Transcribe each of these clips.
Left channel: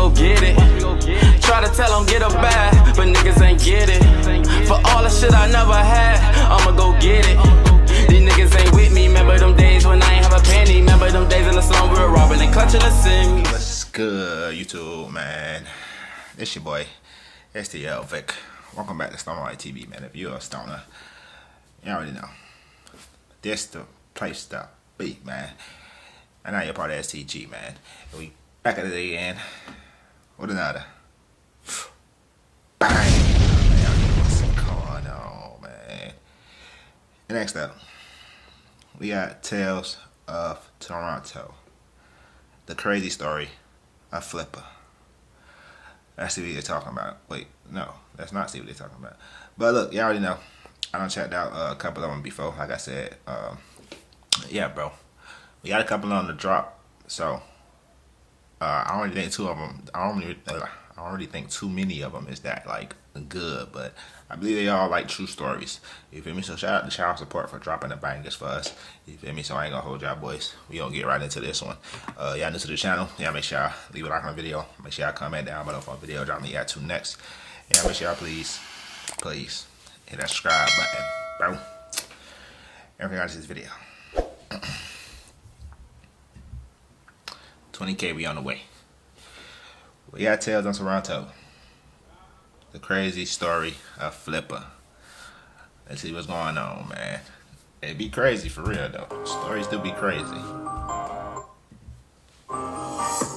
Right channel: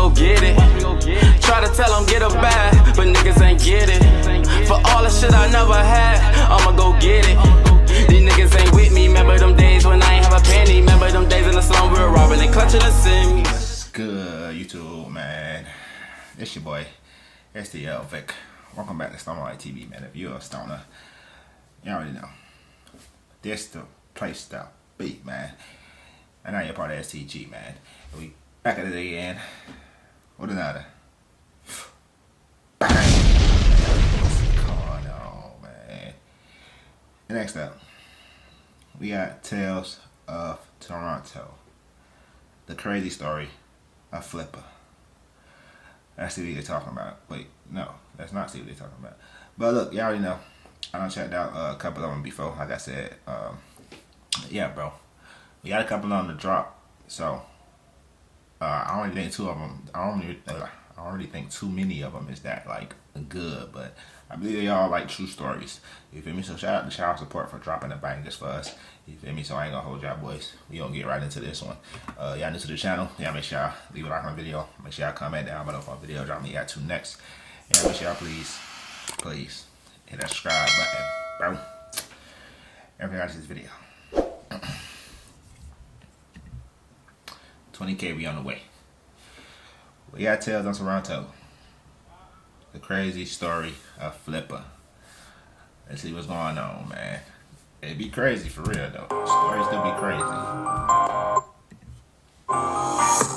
go get it. Try to tell them get a bag, but niggas ain't get it. For all the shit I never had, I'ma go get it. These niggas ain't with me. Remember them days when I ain't have a penny. Remember them days in the slum we were robbing and clutching the sin. What's good, YouTube, man? It's your boy, STL Vic. Welcome back to Stoner Light TV, man. If you're a stoner, you already know. This the place to be, man. And now you're part of STG, man. And we back at it again with another. Bang! What's going on, man? And next up, we got Tales of Toronto. The Crazy Story of Flippa. That's what they're talking about. Wait, no, that's not what they're talking about. But look, you already know. I done checked out a couple of them before. Like I said, yeah, bro. We got a couple of them to drop. So I don't really think two of them. I don't really think too many of them is that like good. But I believe they all like true stories. You feel me? So shout out to Child Support for dropping the bangers for us. You feel me? So I ain't gonna hold y'all boys. We gonna get right into this one. Y'all new to the channel? Yeah, make sure y'all leave a like on the video. Make sure y'all comment down below for a video. Drop me y'all to next. Yeah, make sure y'all please hit that subscribe button, bro. Everything out of this video. 20K, we on the way. We got Tales on Toronto. The Crazy Story of Flippa. Let's see what's going on, man. It be crazy for real though. Stories do be crazy.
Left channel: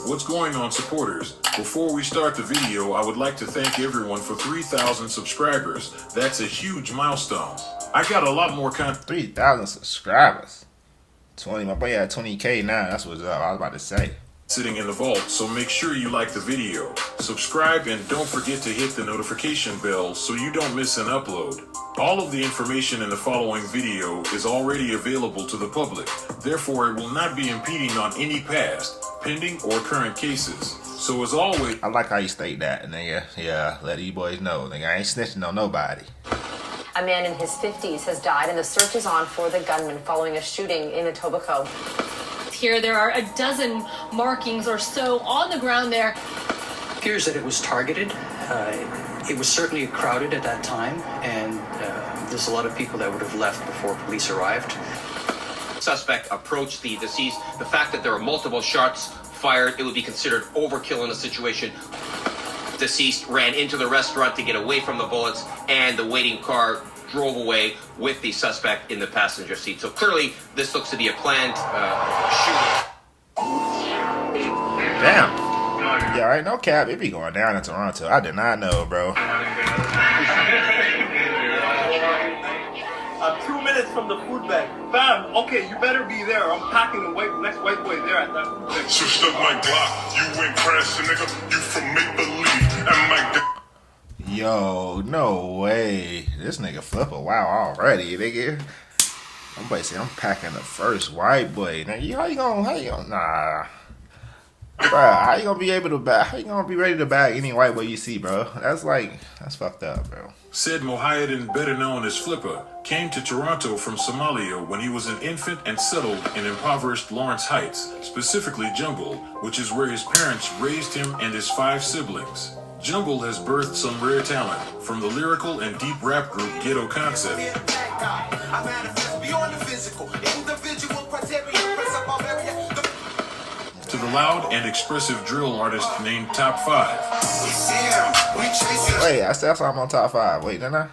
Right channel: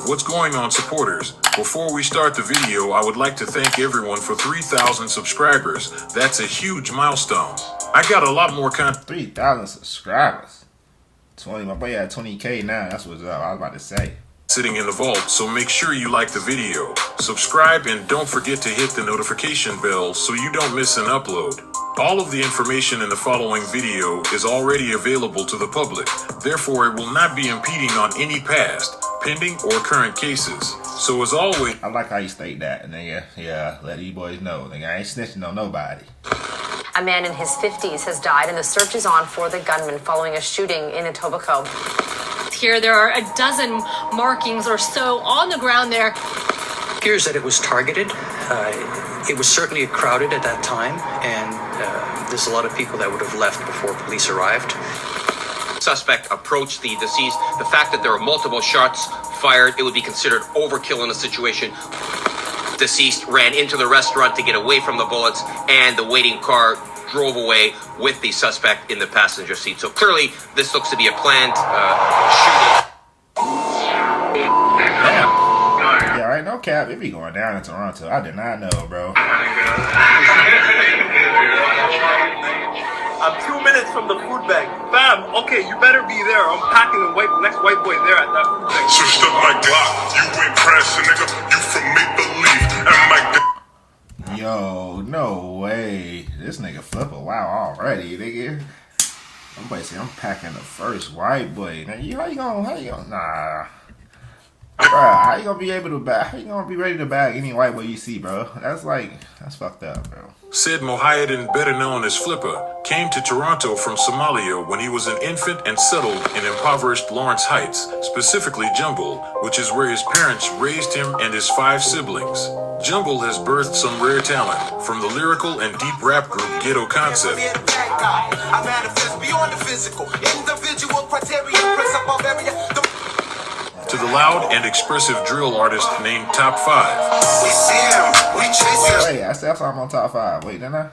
What's going on, supporters? Before we start the video, I would like to thank everyone for 3,000 subscribers. That's a huge milestone. I got a lot more content. 3,000 subscribers. 20, my boy had 20K now. That's what's up. I was about to say. Sitting in the vault, so make sure you like the video, subscribe, and don't forget to hit the notification bell so you don't miss an upload. All of the information in the following video is already available to the public, therefore it will not be impeding on any past, pending, or current cases. So as always, I like how you state that, and then yeah, let these boys know. Nigga, I ain't snitching on nobody. A man in his 50s has died, and the search is on for the gunman following a shooting in Etobicoke. Here, there are a dozen markings or so on the ground there. It appears that it was targeted. It was certainly crowded at that time, and there's a lot of people that would have left before police arrived. Suspect approached the deceased. The fact that there were multiple shots fired, it would be considered overkill in a situation. Deceased ran into the restaurant to get away from the bullets, and the waiting car drove away with the suspect in the passenger seat. So clearly, this looks to be a planned shooting. Damn. Yeah, right, no cap. It be going down in Toronto. I did not know, bro. I'm 2 minutes from the food bank. Fam, okay, you better be there. I'm packing the next white boy there at that food bank. Switched up my Glock. You went crashing, nigga. You from make-believe. And my Yo, no way. This nigga Flippa, wow, already, nigga. Somebody say I'm packing the first white boy. Now, how you gonna, nah. Bruh, how you gonna be able to bag, how you gonna be ready to bag any white boy you see, bro? That's fucked up, bro. Said Mohiuddin, better known as Flippa, came to Toronto from Somalia when he was an infant and settled in impoverished Lawrence Heights, specifically Jumble, which is where his parents raised him and his 5 siblings. Jumble has birthed some rare talent, from the lyrical and deep rap group Ghetto Concept to the loud and expressive drill artist named Top 5. Wait, I said I'm on top 5. Wait, didn't I?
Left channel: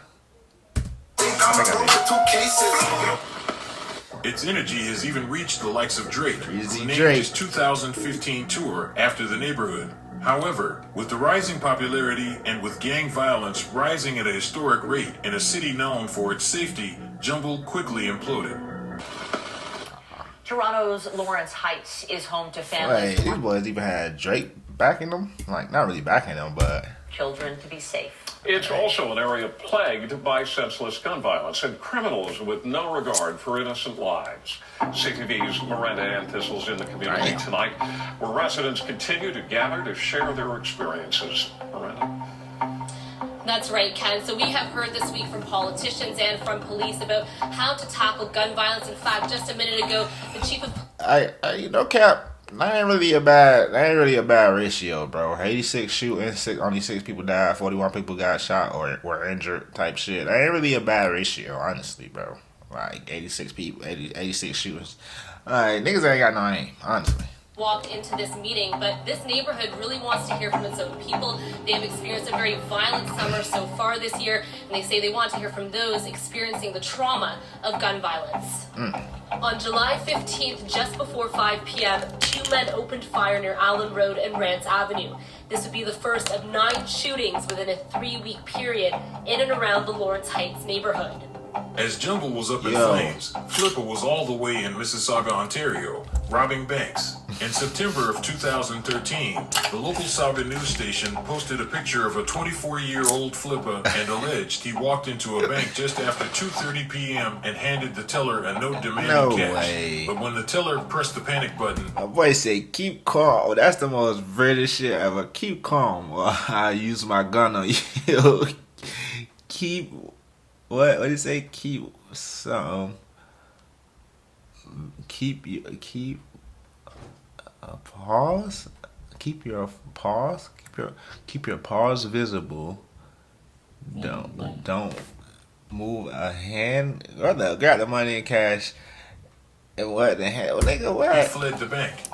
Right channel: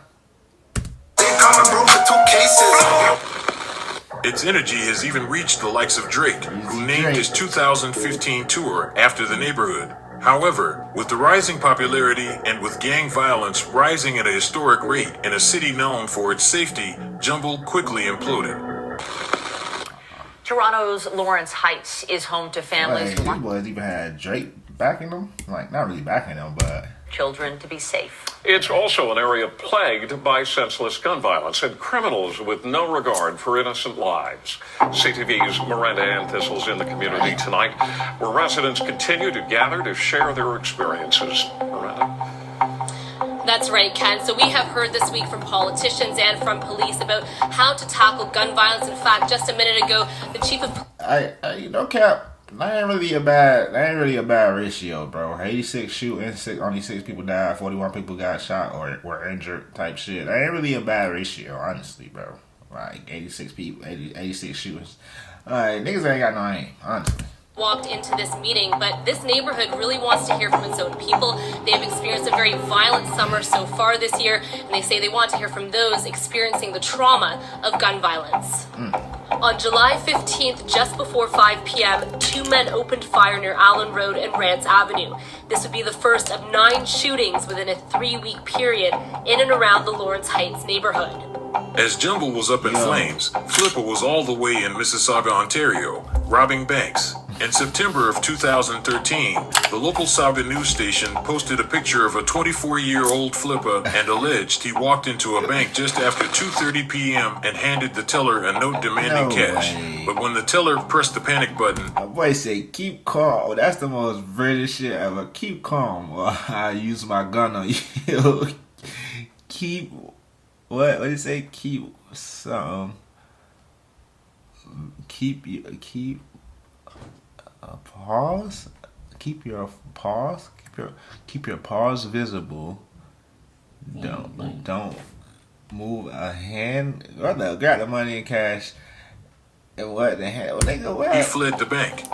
Its energy has even reached the likes of Drake, who named his 2015 tour after the neighborhood. However, with the rising popularity and with gang violence rising at a historic rate in a city known for its safety, Jumble quickly imploded. Toronto's Lawrence Heights is home to families. Wait, these boys even had Drake backing them? Like, not really backing them, but children to be safe. It's also an area plagued by senseless gun violence and criminals with no regard for innocent lives. CTV's Murda Anthistle's in the community tonight, where residents continue to gather to share their experiences. Murda. That's right, Ken. So we have heard this week from politicians and from police about how to tackle gun violence. In fact, just a minute ago, the chief of... no cap. That ain't really a bad ratio, bro. 86 shooting, only 6 people died, 41 people got shot or were injured type shit. That ain't really a bad ratio, honestly, bro. Like 86 people, 86 shootings. Like, niggas ain't got no aim, honestly. Walked into this meeting, but this neighborhood really wants to hear from its own people. They have experienced a very violent summer so far this year, and they say they want to hear from those experiencing the trauma of gun violence. On July 15th, just before 5 p.m., 2 men opened fire near Allen Road and Rance Avenue. This would be the first of 9 shootings within a 3-week period in and around the Lawrence Heights neighborhood. As Jumble was up in flames, Flippa was all the way in Mississauga, Ontario, robbing banks. In September of 2013, the local Saga news station posted a picture of a 24-year-old Flippa and alleged he walked into a bank just after 2:30 p.m. and handed the teller a note demanding cash. But when the teller pressed the panic button, my boy said, "Keep calm." Oh, that's the most British shit ever. Keep calm while I use my gun on you. Keep... What did it say? Keep something. Keep a pause. Keep your pause. Keep your pause visible. Don't move a hand. Grab the money and cash. And what the hell, nigga? What? He fled the bank.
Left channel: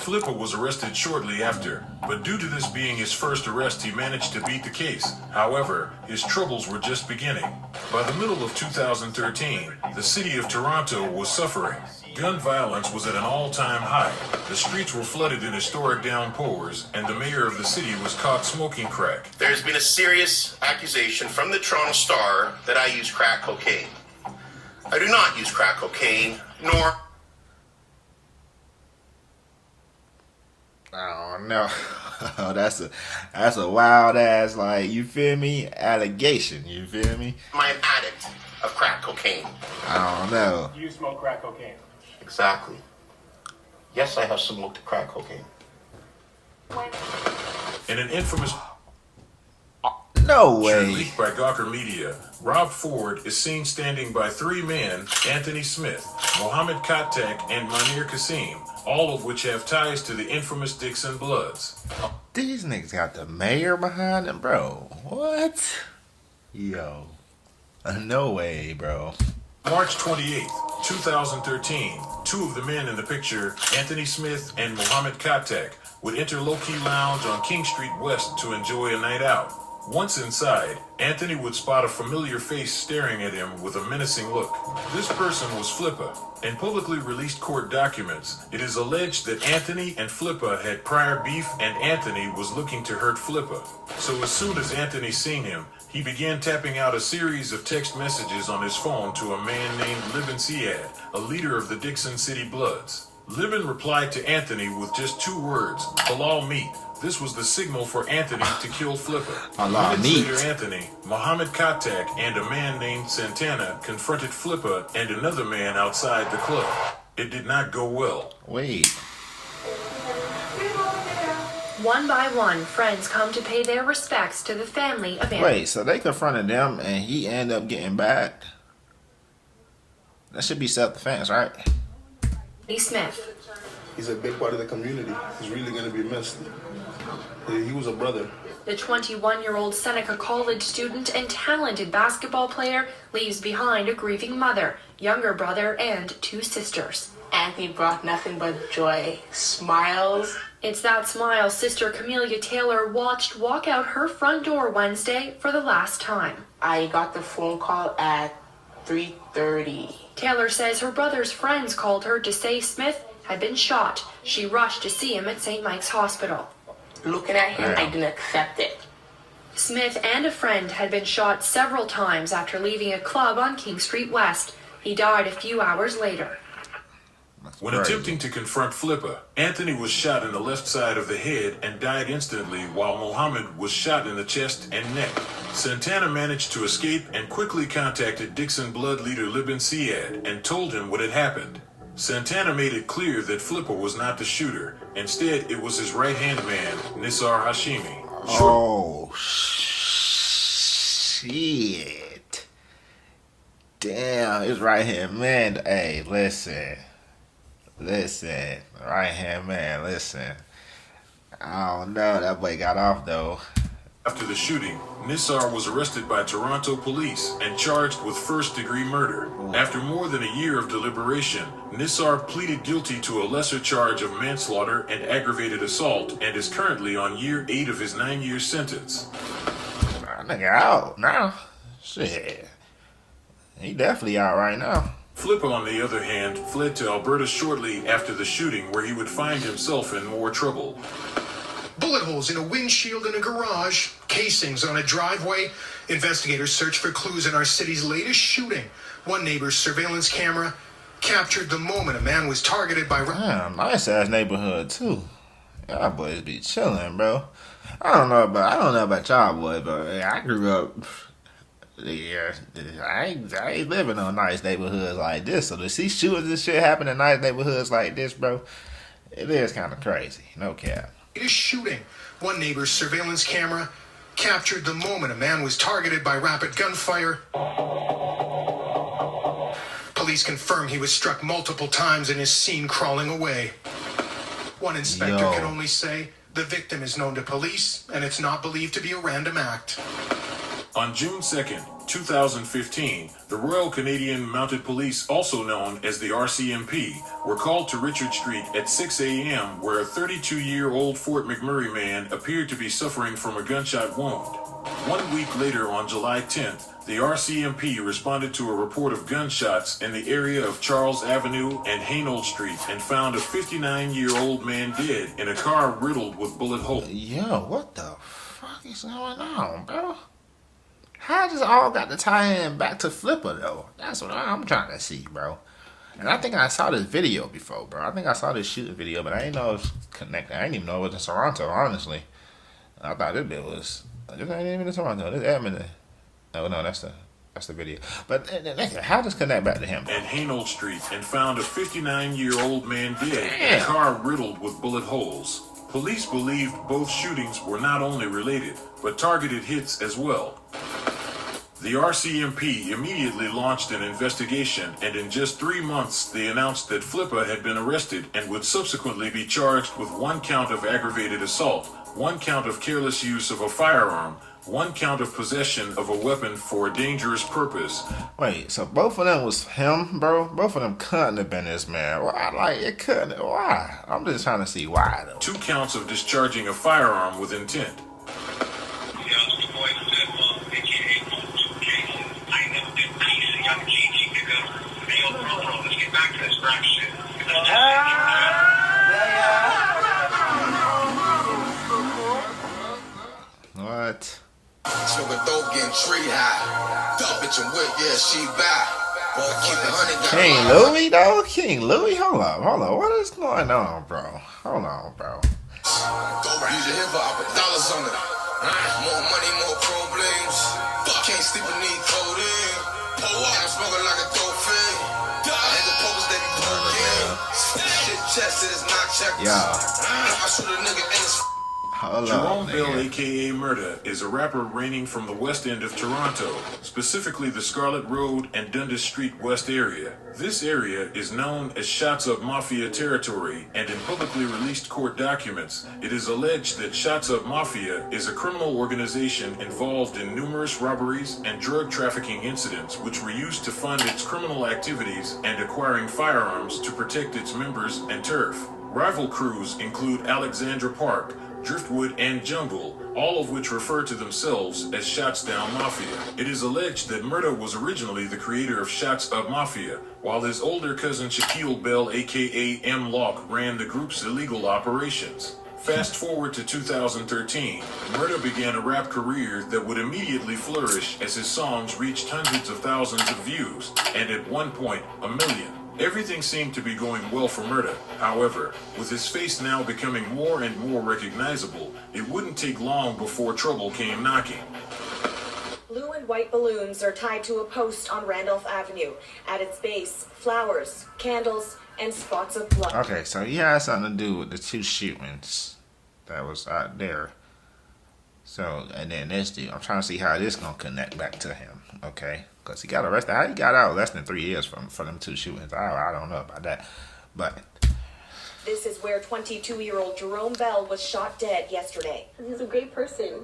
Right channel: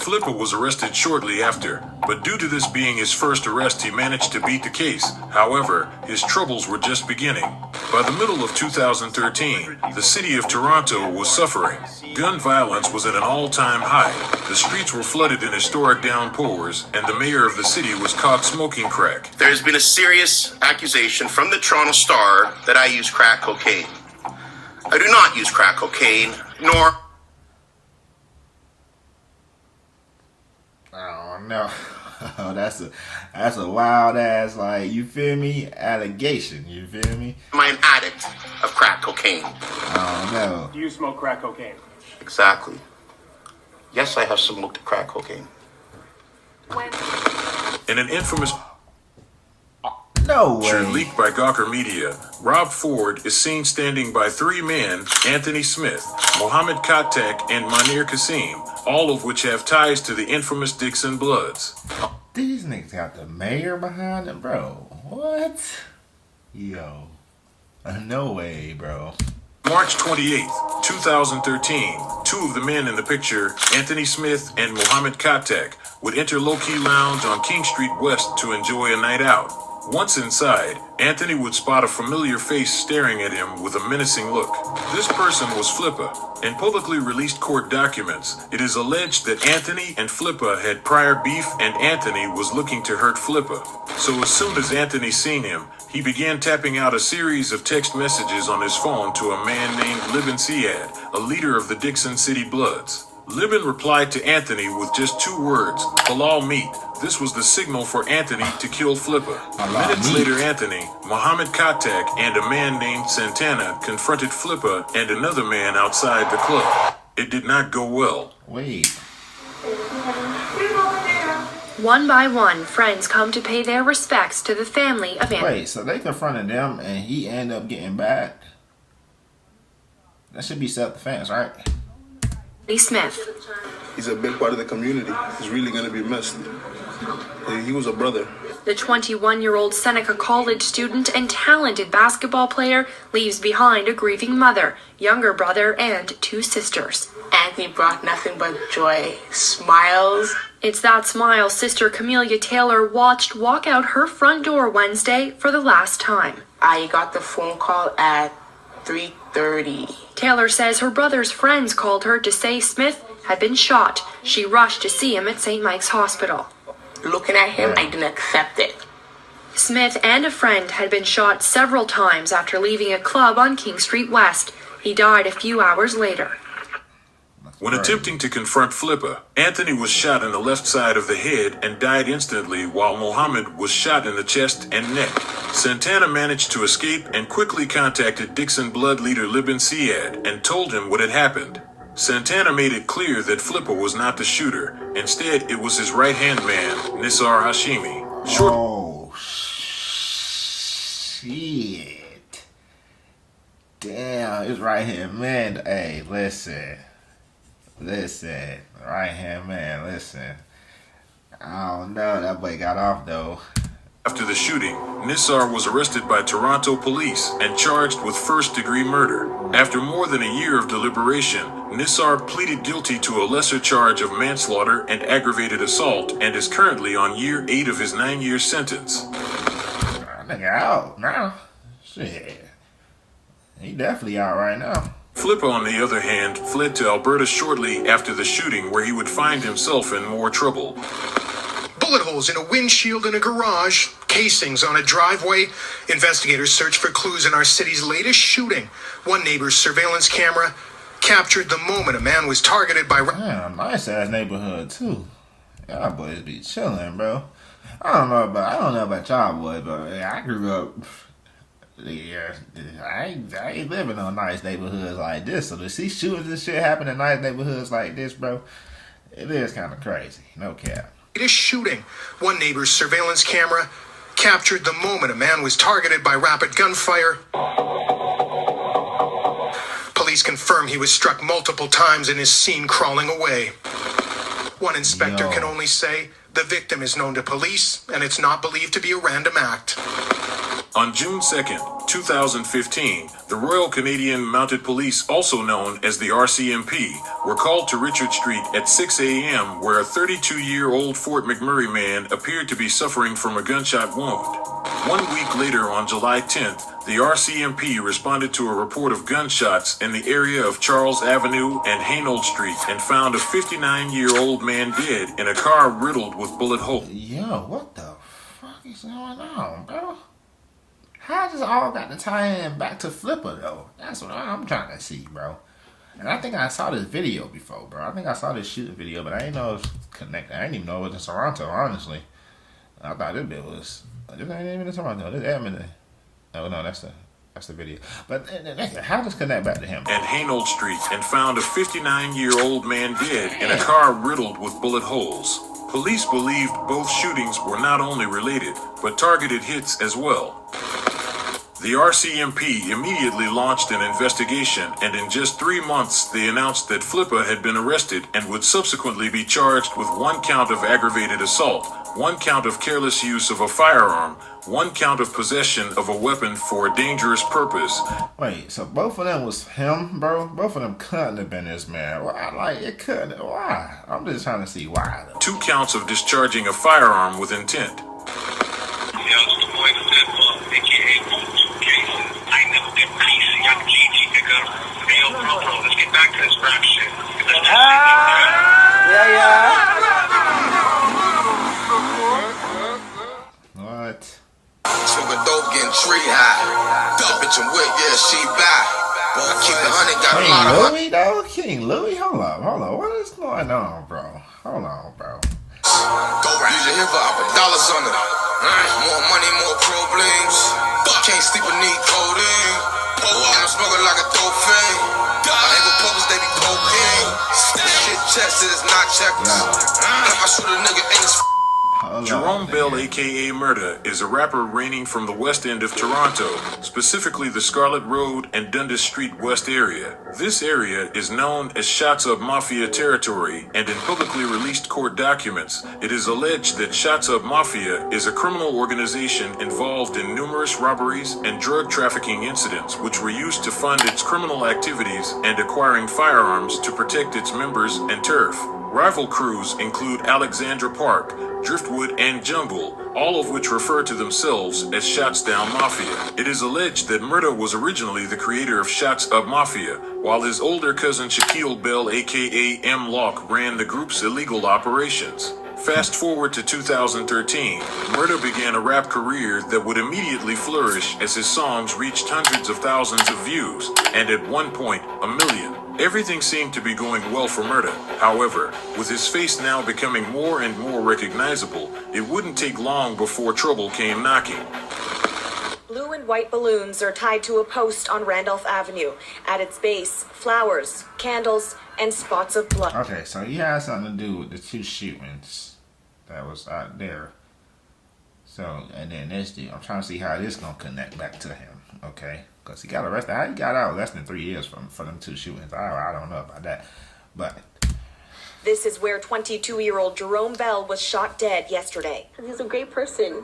Flippa was arrested shortly after, but due to this being his first arrest, he managed to beat the case. However, his troubles were just beginning. By the middle of 2013, the city of Toronto was suffering. Gun violence was at an all-time high. The streets were flooded in historic downpours, and the mayor of the city was caught smoking crack. There's been a serious accusation from the Toronto Star that I use crack cocaine. I do not use crack cocaine, nor... I don't know. That's a wild ass, like, you feel me, allegation. You feel me? Am I an addict of crack cocaine? I don't know. Do you smoke crack cocaine? Exactly. Yes, I have smoked crack cocaine. In an infamous... No way. Leaked by Gawker Media, Rob Ford is seen standing by 3 men, Anthony Smith, Mohammed Katek, and Manir Kasim, all of which have ties to the infamous Dixon Bloods. These niggas got the mayor behind them, bro. What? Yo. No way, bro. March 28th, 2013, 2 of the men in the picture, Anthony Smith and Mohammed Katek, would enter Loki Lounge on King Street West to enjoy a night out. Once inside, Anthony would spot a familiar face staring at him with a menacing look. This person was Flippa. In publicly released court documents, it is alleged that Anthony and Flippa had prior beef and Anthony was looking to hurt Flippa. So as soon as Anthony seen him, he began tapping out a series of text messages on his phone to a man named Libin Siad, a leader of the Dixon City Bloods. Libin replied to Anthony with just 2 words, halal meat. This was the signal for Anthony to kill Flippa. Minutes later, Anthony, Mohammed Katek, and a man named Santana confronted Flippa and another man outside the club. It did not go well. Wait. One by one, friends come to pay their respects to the family of Anthony. Wait, so they confronted them and he ended up getting back? That should be self-defense, right? Smith. He's a big part of the community. He's really going to be missed. He was a brother. The 21-year-old Seneca College student and talented basketball player leaves behind a grieving mother, younger brother, and 2 sisters. Anthony brought nothing but joy, smiles. It's that smile sister Camelia Taylor watched walk out her front door Wednesday for the last time. I got the phone call at 3:30. Taylor says her brother's friends called her to say Smith had been shot. She rushed to see him at St. Mike's Hospital. Looking at him, I didn't accept it. Smith and a friend had been shot several times after leaving a club on King Street West. He died a few hours later. When attempting to confront Flippa, Anthony was shot in the left side of the head and died instantly, while Mohammed was shot in the chest and neck. Santana managed to escape and quickly contacted Dixon Blood leader Libin Siad and told him what had happened. Santana made it clear that Flippa was not the shooter. Instead, it was his right-hand man, Nisar Hashimi. Oh, shit. Damn, his right-hand man. Hey, listen. Listen, right hand man, listen. I don't know, that boy got off though. After the shooting, Nissar was arrested by Toronto police and charged with first-degree murder. After more than a year of deliberation, Nissar pleaded guilty to a lesser charge of manslaughter and aggravated assault and is currently on year 8 of his 9-year sentence. That nigga out now. Shit. He definitely out right now. Flippa, on the other hand, fled to Alberta shortly after the shooting, where he would find himself in more trouble. Bullet holes in a windshield in a garage, casings on a driveway. Investigators search for clues in our city's latest shooting. One neighbor's surveillance camera captured the moment a man was targeted by... Damn, nice ass neighborhood too. Y'all boys be chilling, bro. I don't know about y'all boys, but I grew up. Yeah, I ain't living on nice neighborhoods like this. So to see shootings and shit happen in nice neighborhoods like this, bro, it is kind of crazy. No cap. It is shooting. One neighbor's surveillance camera captured the moment a man was targeted by rapid gunfire. Police confirm he was struck multiple times and is seen crawling away. One inspector can only say the victim is known to police and it's not believed to be a random act. On June 2nd, 2015, the Royal Canadian Mounted Police, also known as the RCMP, were called to Richard Street at 6 a.m. where a 32-year-old Fort McMurray man appeared to be suffering from a gunshot wound. 1 week later, on July 10th, the RCMP responded to a report of gunshots in the area of Charles Avenue and Hainault Street and found a 59-year-old man dead in a car riddled with bullet holes. Yo, what the fuck is going on, bro? How does all got to tie in back to Flippa, though? That's what I'm trying to see, bro. And I think I saw this video before, bro. I think I saw this shooting video, but I didn't know it was connected. I didn't even know it was in Toronto, honestly. I thought this bit was... This ain't even in Toronto. This Edmonton. Oh, no, that's the video. But how does connect back to him? At Hainault Street and found a 59-year-old man dead in a car riddled with bullet holes. Police believed both shootings were not only related, but targeted hits as well. The RCMP immediately launched an investigation, and in just 3 months, they announced that Flippa had been arrested and would subsequently be charged with 1 count of aggravated assault, 1 count of careless use of a firearm, 1 count of possession of a weapon for a dangerous purpose. Wait, so both of them was him, bro? Both of them couldn't have been this man. Why? Like, it couldn't. Why? I'm just trying to see why, though. 2 counts of discharging a firearm with intent. What? Smoking dope, getting tree high. That bitch and wet, yeah, she back. I keep the honey, got King Louis, though? King Louis? Hold on. What is going on, bro? Hold on, bro. Dope, use your hip hop, dollars on it. More money, more problems. Can't sleep and need codeine. I'm smoking like a dope fiend. I ain't with public, they be cocaine. Shit tested, it's not checked. I shoot a nigga in his Jerome Bell, aka Murda, is a rapper reigning from the west end of Toronto, specifically the Scarlet Road and Dundas Street West area. This area is known as Shots Up Mafia territory, and in publicly released court documents, it is alleged that Shots Up Mafia is a criminal organization involved in numerous robberies and drug trafficking incidents, which were used to fund its criminal activities and acquiring firearms to protect its members and turf. Rival crews include Alexandra Park, Driftwood, and Jungle, all of which refer to themselves as Shots Down Mafia. It is alleged that Murda was originally the creator of Shots Up Mafia, while his older cousin Shaquille Bell, aka M. Locke, ran the group's illegal operations. Fast forward to 2013, Murda began a rap career that would immediately flourish as his songs reached hundreds of thousands of views, and at one point, 1 million. Everything seemed to be going well for Murda. However, with his face now becoming more and more recognizable, it wouldn't take long before trouble came knocking. Blue and white balloons are tied to a post on Randolph Avenue. At its base, flowers, candles, and spots of blood. Okay, so he has something to do with the 2 shootings that was out there. So, and then this dude, I'm trying to see how this gonna connect back to him, okay? Because he got arrested. How he got out less than 3 years from them 2 shootings? I don't know about that. But This is where 22-year-old Jerome Bell was shot dead yesterday. He's a great person.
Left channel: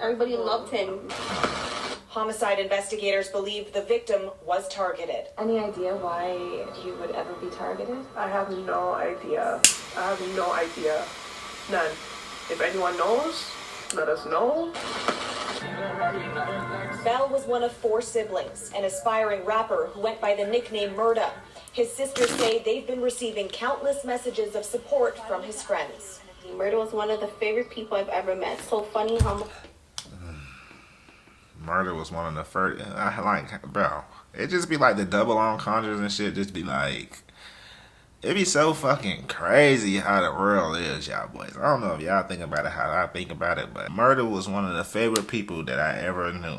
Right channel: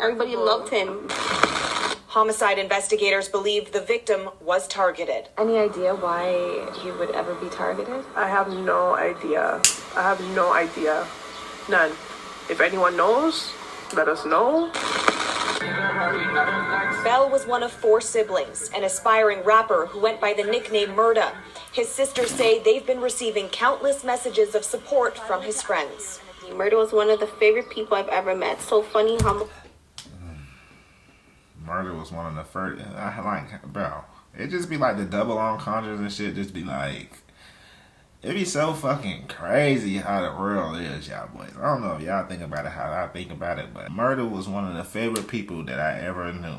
Everybody loved him. Homicide investigators believe the victim was targeted. Any idea why he would ever be targeted? I have no idea. I have no idea. None. If anyone knows, let us know. Bell was one of 4 siblings, an aspiring rapper who went by the nickname Murda. His sisters say they've been receiving countless messages of support from his friends. Murda was one of the favorite people I've ever met. So funny, humble. Murda was one of the first. Bro, it just be like the double entendres and shit. Just be like, it be so fucking crazy how the world is, y'all boys. I don't know if y'all think about it how I think about it, but Murda was one of the favorite people that I ever knew.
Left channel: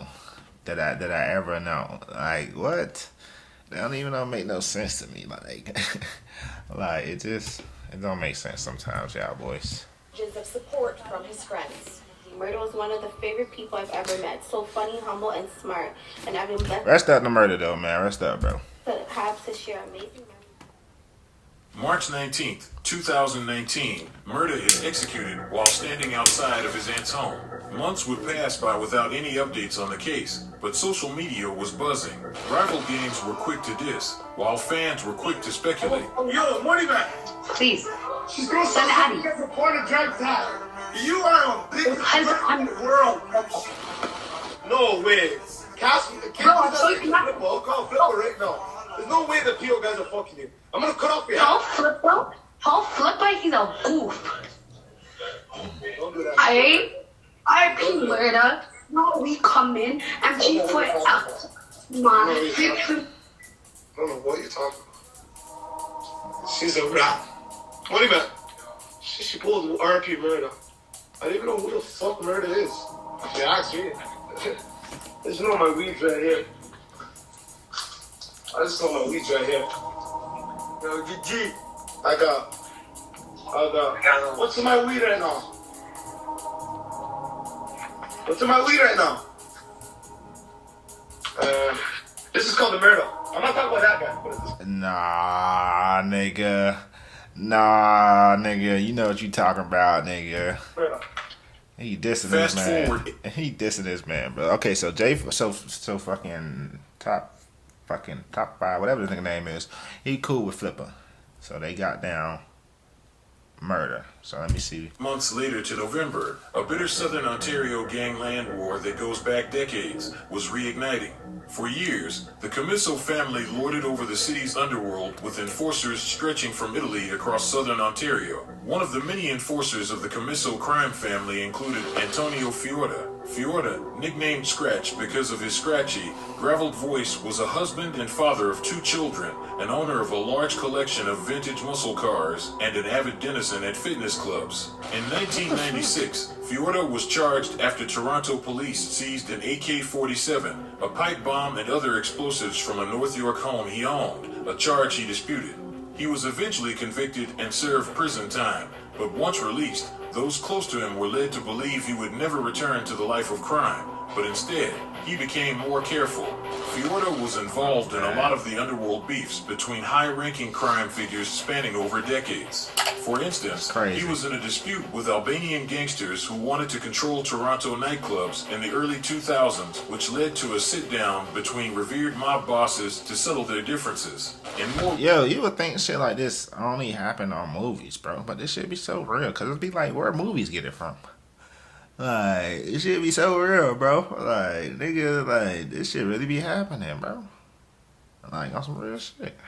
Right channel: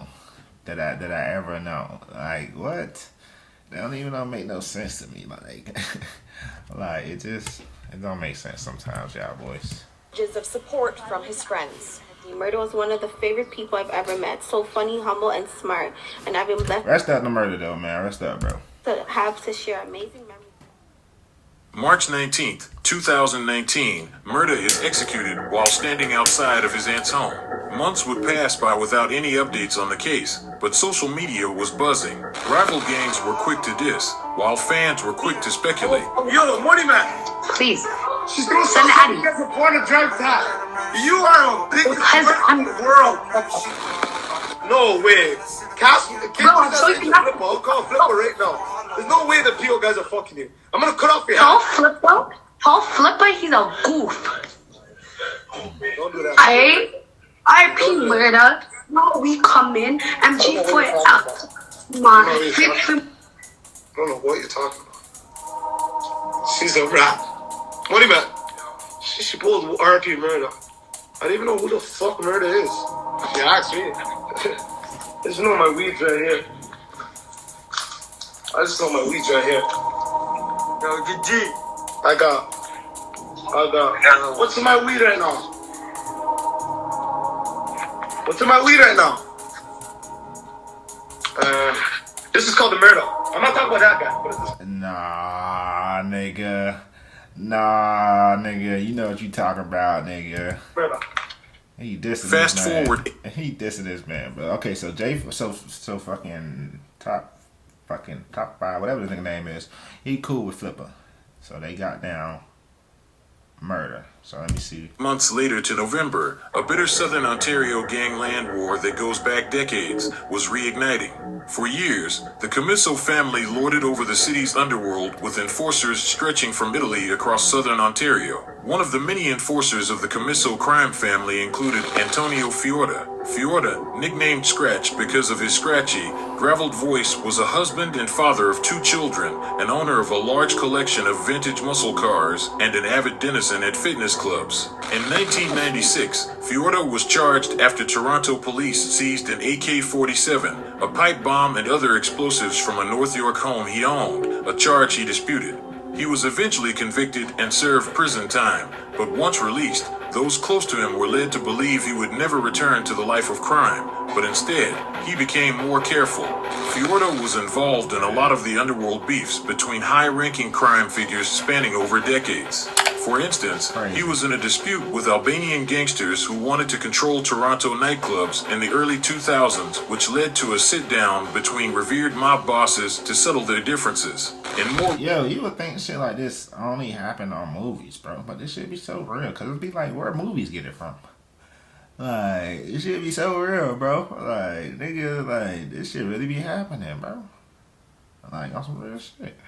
That I ever know. Like, what? That don't even make no sense to me. Like, like it don't make sense sometimes, y'all boys. Messages of support from his friends. Murda was one of the favorite people I've ever met. So funny, humble, and smart. And I've been blessed. Rest up the Murda though, man. Rest up, bro. To have to share amazing memories. March 19th, 2019, Murda is executed while standing outside of his aunt's home. Months would pass by without any updates on the case, but social media was buzzing. Rival gangs were quick to diss, while fans were quick to speculate. Yo, Money Man! Please. She's doing something you guys are born to drive that. You are the biggest person in the world. No way. Cash, I'm sorry, I'll call Flippa right now. There's no way the PO guys are fucking you. I'm gonna cut off your head. Tall Flippa, he's a goof. Don't do that. I P Murda. No, we come in and she put out my I don't know what you're talking about. She's a rat. Money Man. She pulled RP Murda. I don't even know who the fuck Murda is. You asked me. I just know my weeds right here. Yo, GG. I got. What's in my weed right now? This is called the Murda. I'm not talking about that guy. What is this? Nah, nigga. You know what you talking about, nigga. Murda. He dissing Fast this man. forward. He dissing this man, bro. Okay, so so fucking top 5, whatever the nigga name is. He cool with Flippa. So they got down Murda. So let me see. Months later to November, a bitter Southern Ontario gangland war that goes back decades was reigniting. For years, the Camiso family lorded over the city's underworld with enforcers stretching from Italy across Southern Ontario. One of the many enforcers of the Camiso crime family included Antonio Fiorda. Fiorda, nicknamed Scratch because of his scratchy, graveled voice, was a husband and father of 2 children, an owner of a large collection of vintage muscle cars, and an avid denizen at fitness clubs. In 1996, Fiorda was charged after Toronto police seized an AK-47, a pipe bomb, and other explosives from a North York home he owned, a charge he disputed. He was eventually convicted and served prison time, but once released, those close to him were led to believe he would never return to the life of crime, but instead, he became more careful. Fiorda was involved in a lot of the underworld beefs between high-ranking crime figures spanning over decades. For instance, he was in a dispute with Albanian gangsters who wanted to control Toronto nightclubs in the early 2000s, which led to a sit-down between revered mob bosses to settle their differences. Yo, you would think shit like this only happen on movies, bro, but this shit be so real, cause it'd be like where movies get it from. Like, it should be so real, bro. Like, nigga, like, this shit really be happening, bro. Like, on some real shit.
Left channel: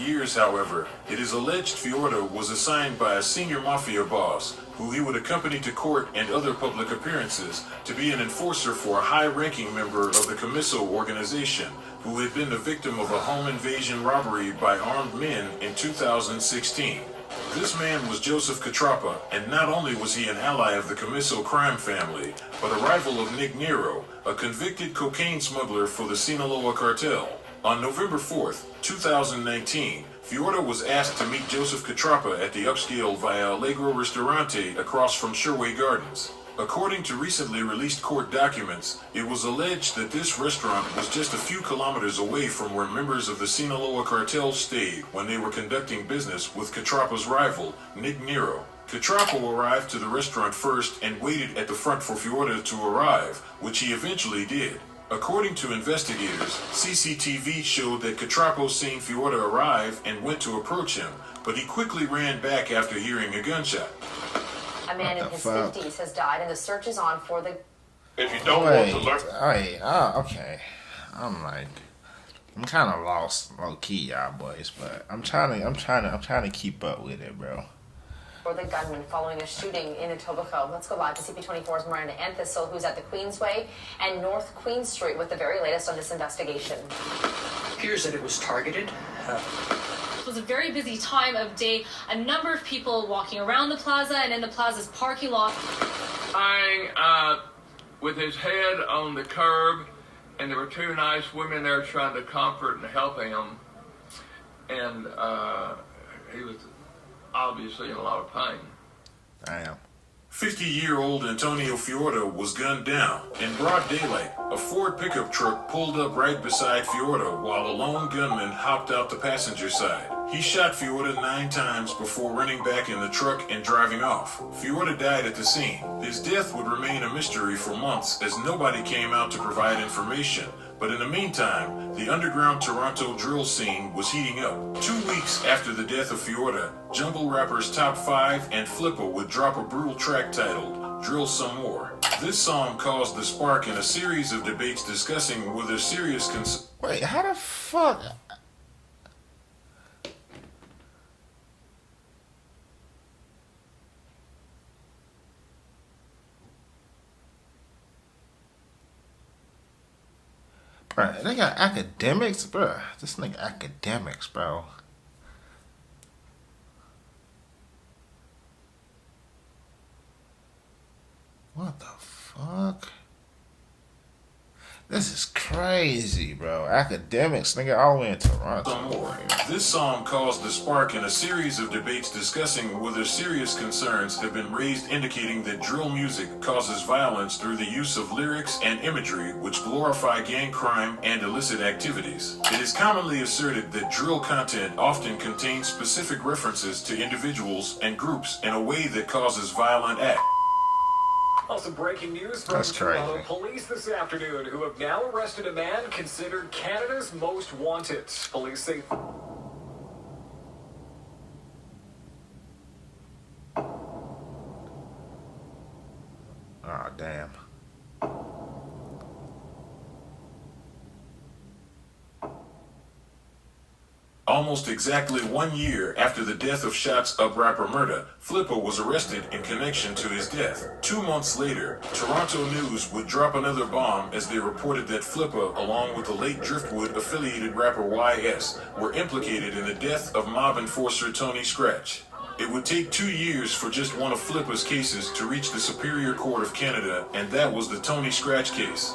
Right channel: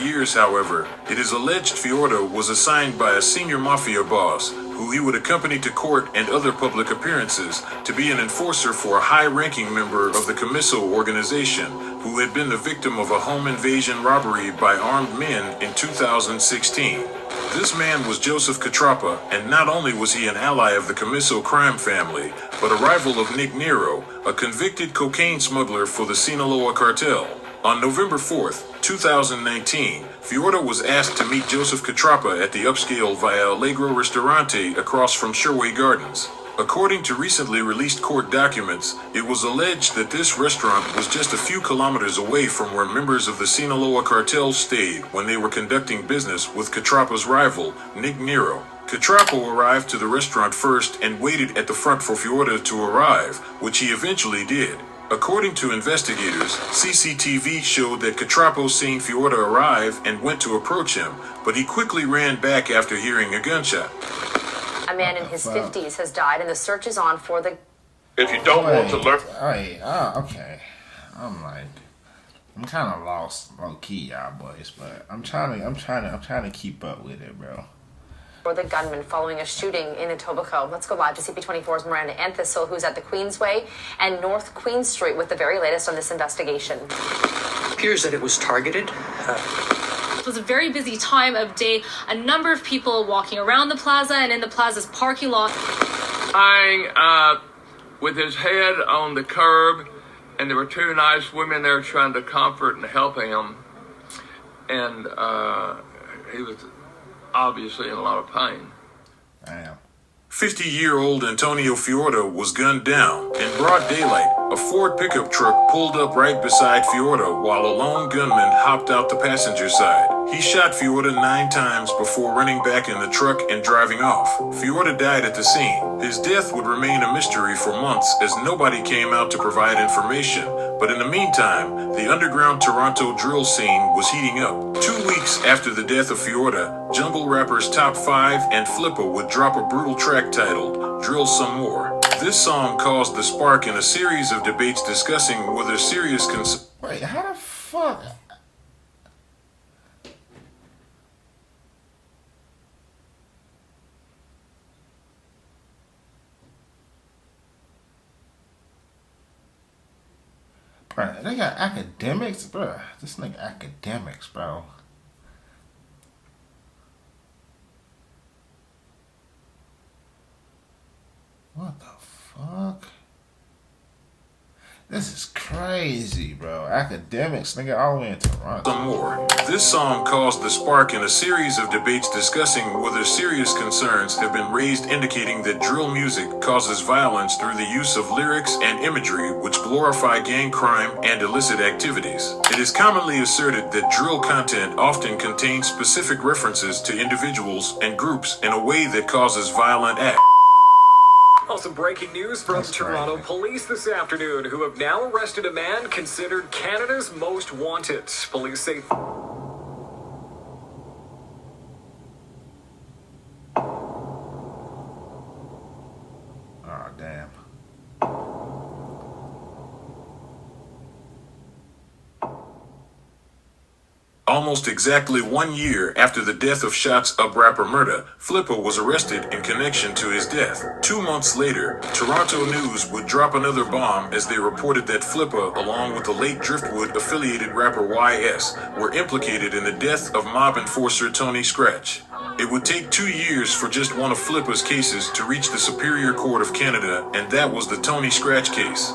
Years, however, it is alleged Fiorda was assigned by a senior mafia boss, who he would accompany to court and other public appearances, to be an enforcer for a high-ranking member of the Camiso organization, who had been the victim of a home invasion robbery by armed men in 2016. This man was Joseph Catrapa, and not only was he an ally of the Camiso crime family, but a rival of Nick Nero, a convicted cocaine smuggler for the Sinaloa cartel. On November 4th, 2019, Fiorda was asked to meet Joseph Catrapa at the upscale Via Allegro Ristorante across from Sherway Gardens. According to recently released court documents, it was alleged that this restaurant was just a few kilometers away from where members of the Sinaloa cartel stayed when they were conducting business with Catrapa's rival, Nick Nero. Catrapo arrived to the restaurant first and waited at the front for Fiorda to arrive, which he eventually did. According to investigators, CCTV showed that Catrapo seen Fiorda arrive and went to approach him, but he quickly ran back after hearing a gunshot. A man in his 50s has died, and the search is on for the... If you don't want to learn... Okay. I'm kind of lost, low key, y'all boys, but I'm trying to keep up with it, bro. For the gunman following a shooting in Etobicoke. Let's go live to CP24's Miranda Anthistle, who's at the Queensway and North Queen Street with the very latest on this investigation. It appears that it was targeted. It was a very busy time of day. A number of people walking around the plaza and in the plaza's parking lot. Lying with his head on the curb, and there were two nice women there trying to comfort and help him. And he was obviously in a lot of pain. Damn. 50-year-old Antonio Fiorda was gunned down. In broad daylight, a Ford pickup truck pulled up right beside Fiorda while a lone gunman hopped out the passenger side. He shot Fiorda 9 times before running back in the truck and driving off. Fiorda died at the scene. His death would remain a mystery for months as nobody came out to provide information. But in the meantime, the underground Toronto drill scene was heating up. 2 weeks after the death of Fiorda, jungle rappers Top 5 and Flippa would drop a brutal track titled Drill Some More. This song caused the spark in a series of debates discussing whether serious Wait, how the fuck? Bruh, they got academics, bruh. This nigga academics, bro. What the fuck? This is crazy, bro. Academics, nigga, all the way in Toronto. Some more. This song caused the spark in a series of debates discussing whether serious concerns have been raised indicating that drill music causes violence through the use of lyrics and imagery which glorify gang crime and illicit activities. It is commonly asserted that drill content often contains specific references to individuals and groups in a way that causes violent acts. Also, breaking news from Toronto police this afternoon, who have now arrested a man considered Canada's most wanted. Police say... Oh, damn. Almost exactly 1 year after the death of Shots Up rapper Murda, Flippa was arrested in connection to his death. 2 months later, Toronto News would drop another bomb as they reported that Flippa, along with the late Driftwood-affiliated rapper YS, were implicated in the death of mob enforcer Tony Scratch. It would take 2 years for just one of Flippa's cases to reach the Superior Court of Canada, and that was the Tony Scratch case.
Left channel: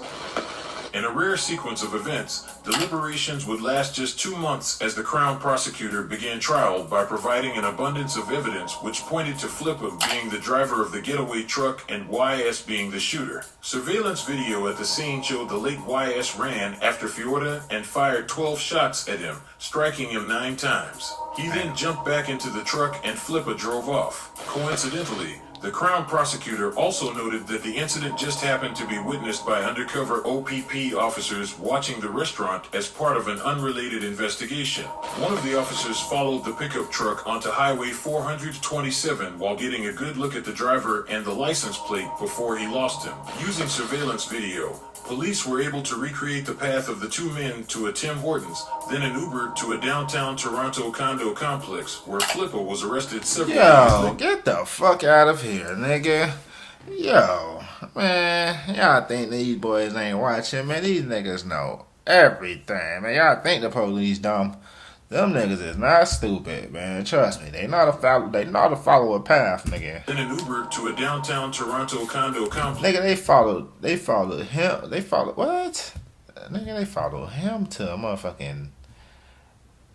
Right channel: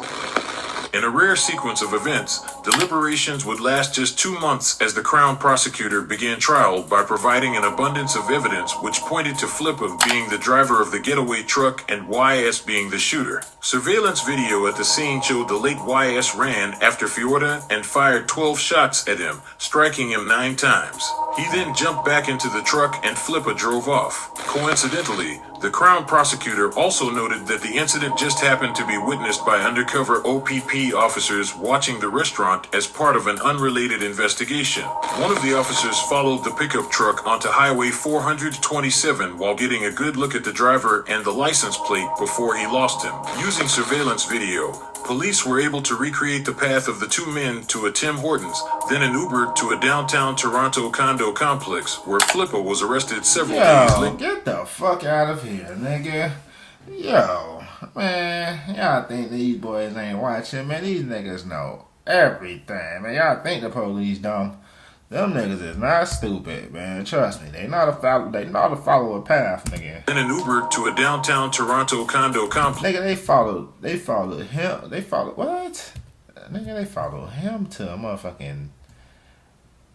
In a rare sequence of events, deliberations would last just 2 months as the Crown prosecutor began trial by providing an abundance of evidence which pointed to Flippa being the driver of the getaway truck and YS being the shooter. Surveillance video at the scene showed the late YS ran after Fiorda and fired 12 shots at him, striking him 9 times. He then jumped back into the truck and Flippa drove off. Coincidentally, the Crown prosecutor also noted that the incident just happened to be witnessed by undercover OPP officers watching the restaurant as part of an unrelated investigation. One of the officers followed the pickup truck onto Highway 427 while getting a good look at the driver and the license plate before he lost him. Using surveillance video, police were able to recreate the path of the 2 men to a Tim Hortons, then an Uber to a downtown Toronto condo complex where Flippa was arrested several days later. Get the fuck out of here, nigga. Yo, man, y'all think these boys ain't watching, man. These niggas know everything, man. Y'all think the police dumb. Them niggas is not stupid, man. Trust me, they know to follow a path, nigga. Then an Uber to a downtown Toronto condo complex. Nigga, they followed him. They followed what? Nigga, they followed him to a motherfucking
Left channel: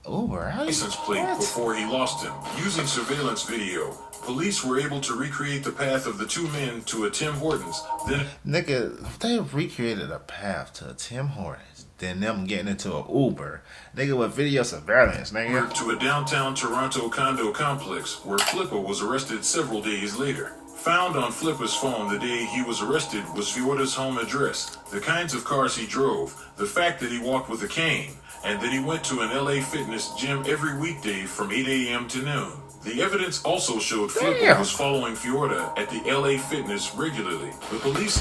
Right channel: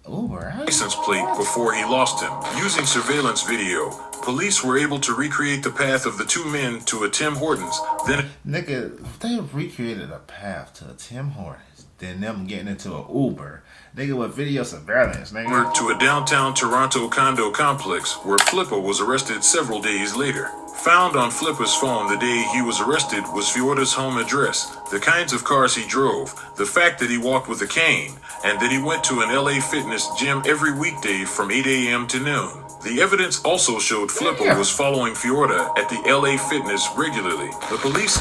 Uber. License plate before he lost him. Using surveillance video, police were able to recreate the path of the two men to a Tim Hortons. Then, nigga, they recreated a path to a Tim Hortons. Then them getting into an Uber, nigga, with video surveillance, nigga. To a downtown Toronto condo complex where Flippa was arrested several days later. Found on Flippa's phone the day he was arrested was Fiorda's home address, the kinds of cars he drove, the fact that he walked with a cane, and that he went to an LA Fitness gym every weekday from 8 a.m. to noon. The evidence also showed Flippa was following Fiorda at the LA Fitness regularly. The police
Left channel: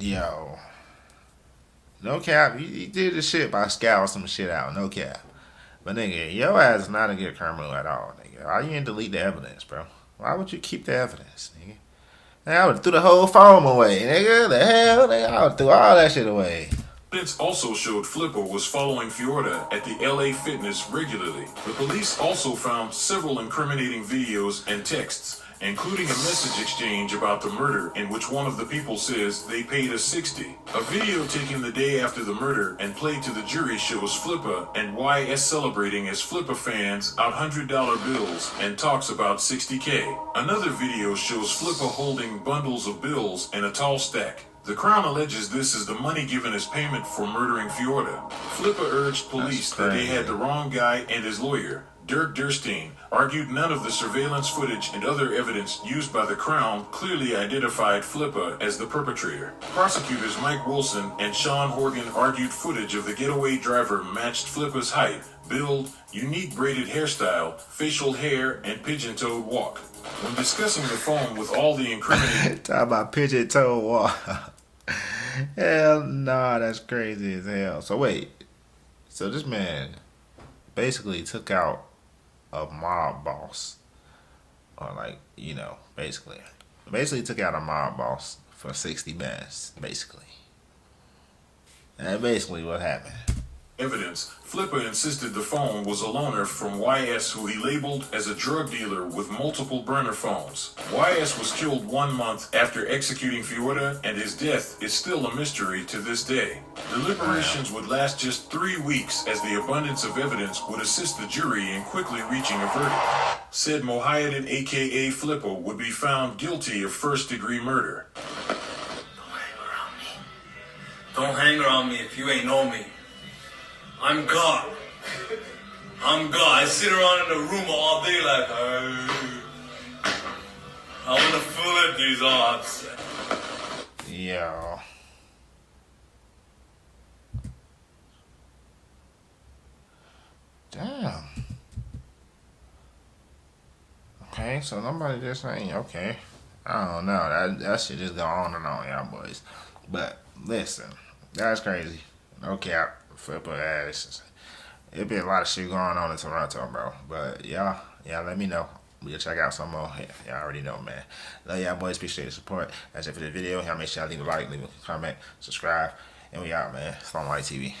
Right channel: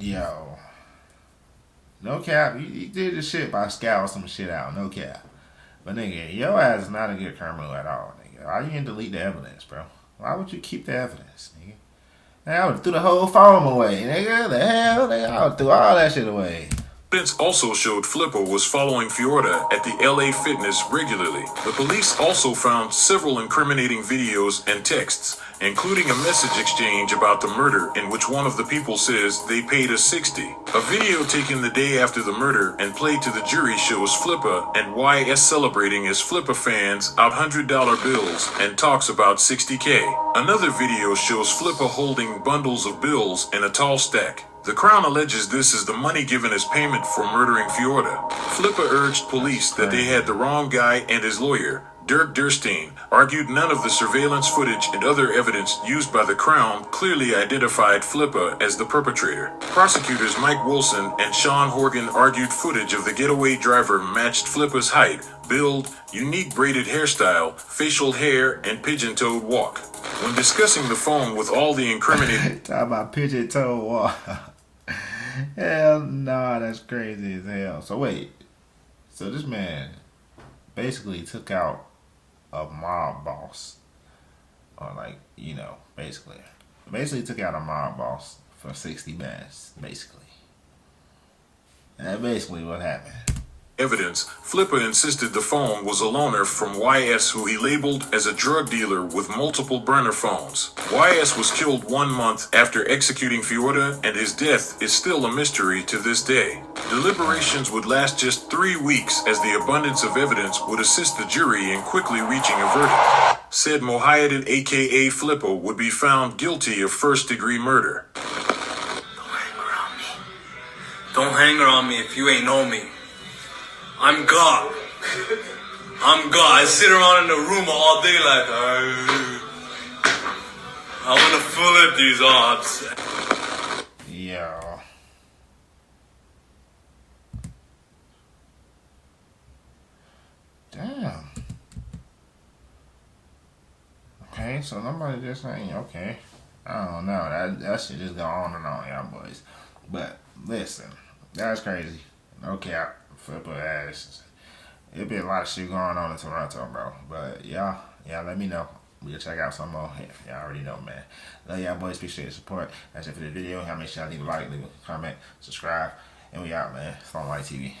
Yo. No cap. You did the shit by scouting some shit out. No cap. But nigga, your ass is not a good criminal at all, nigga. Why you didn't delete the evidence, bro? Why would you keep the evidence, nigga? I would have threw the whole phone away, nigga. The hell? Nigga, I would have threw all that shit away. Evidence also showed Flippa was following Fiorda at the LA Fitness regularly. The police also found several incriminating videos and texts, including a message exchange about the murder in which one of the people says they paid us $60. A video taken the day after the murder and played to the jury shows Flippa and YS celebrating as Flippa fans out $100 bills and talks about $60K. Another video shows Flippa holding bundles of bills in a tall stack. The Crown alleges this is the money given as payment for murdering Fiorda. Flippa urged police that they had the wrong guy, and his lawyer, Dirk Durstein, argued none of the surveillance footage and other evidence used by the Crown clearly identified Flippa as the perpetrator. Prosecutors Mike Wilson and Sean Horgan argued footage of the getaway driver matched Flippa's height, build, unique braided hairstyle, facial hair, and pigeon-toed walk. When discussing the phone with all the incriminating... Talk about pigeon-toed walk. Hell nah, that's crazy as hell. So wait. So this man basically took out a mob boss. Or like, you know, basically took out a mob boss for 60 bands, basically. And that's basically what happened. Evidence, Flippa insisted the phone was a loaner from YS, who he labeled as a drug dealer with multiple burner phones. YS was killed 1 month after executing Fiorda, and his death is still a mystery to this day. Deliberations would last just 3 weeks, as the abundance of evidence would assist the jury in quickly reaching a verdict. Said Mohiaddin, aka Flippa, would be found guilty of first-degree murder. Don't hang around me if you ain't know me. I'm God. I'm God. I sit around in the room all day like, I want to fill it these odds. Yeah. Damn. Okay, so nobody just saying, okay. I don't know. That shit just go on and on, y'all boys. But listen, that's crazy. No cap. Flippa ass. It'll be a lot of shit going on in Toronto, bro. But y'all let me know. We'll check out some more. Y'all already know, man. Love y'all boys. Appreciate the support. That's it for the video. Y'all make sure y'all leave a like, leave a comment, subscribe, and we out, man. It's on White TV.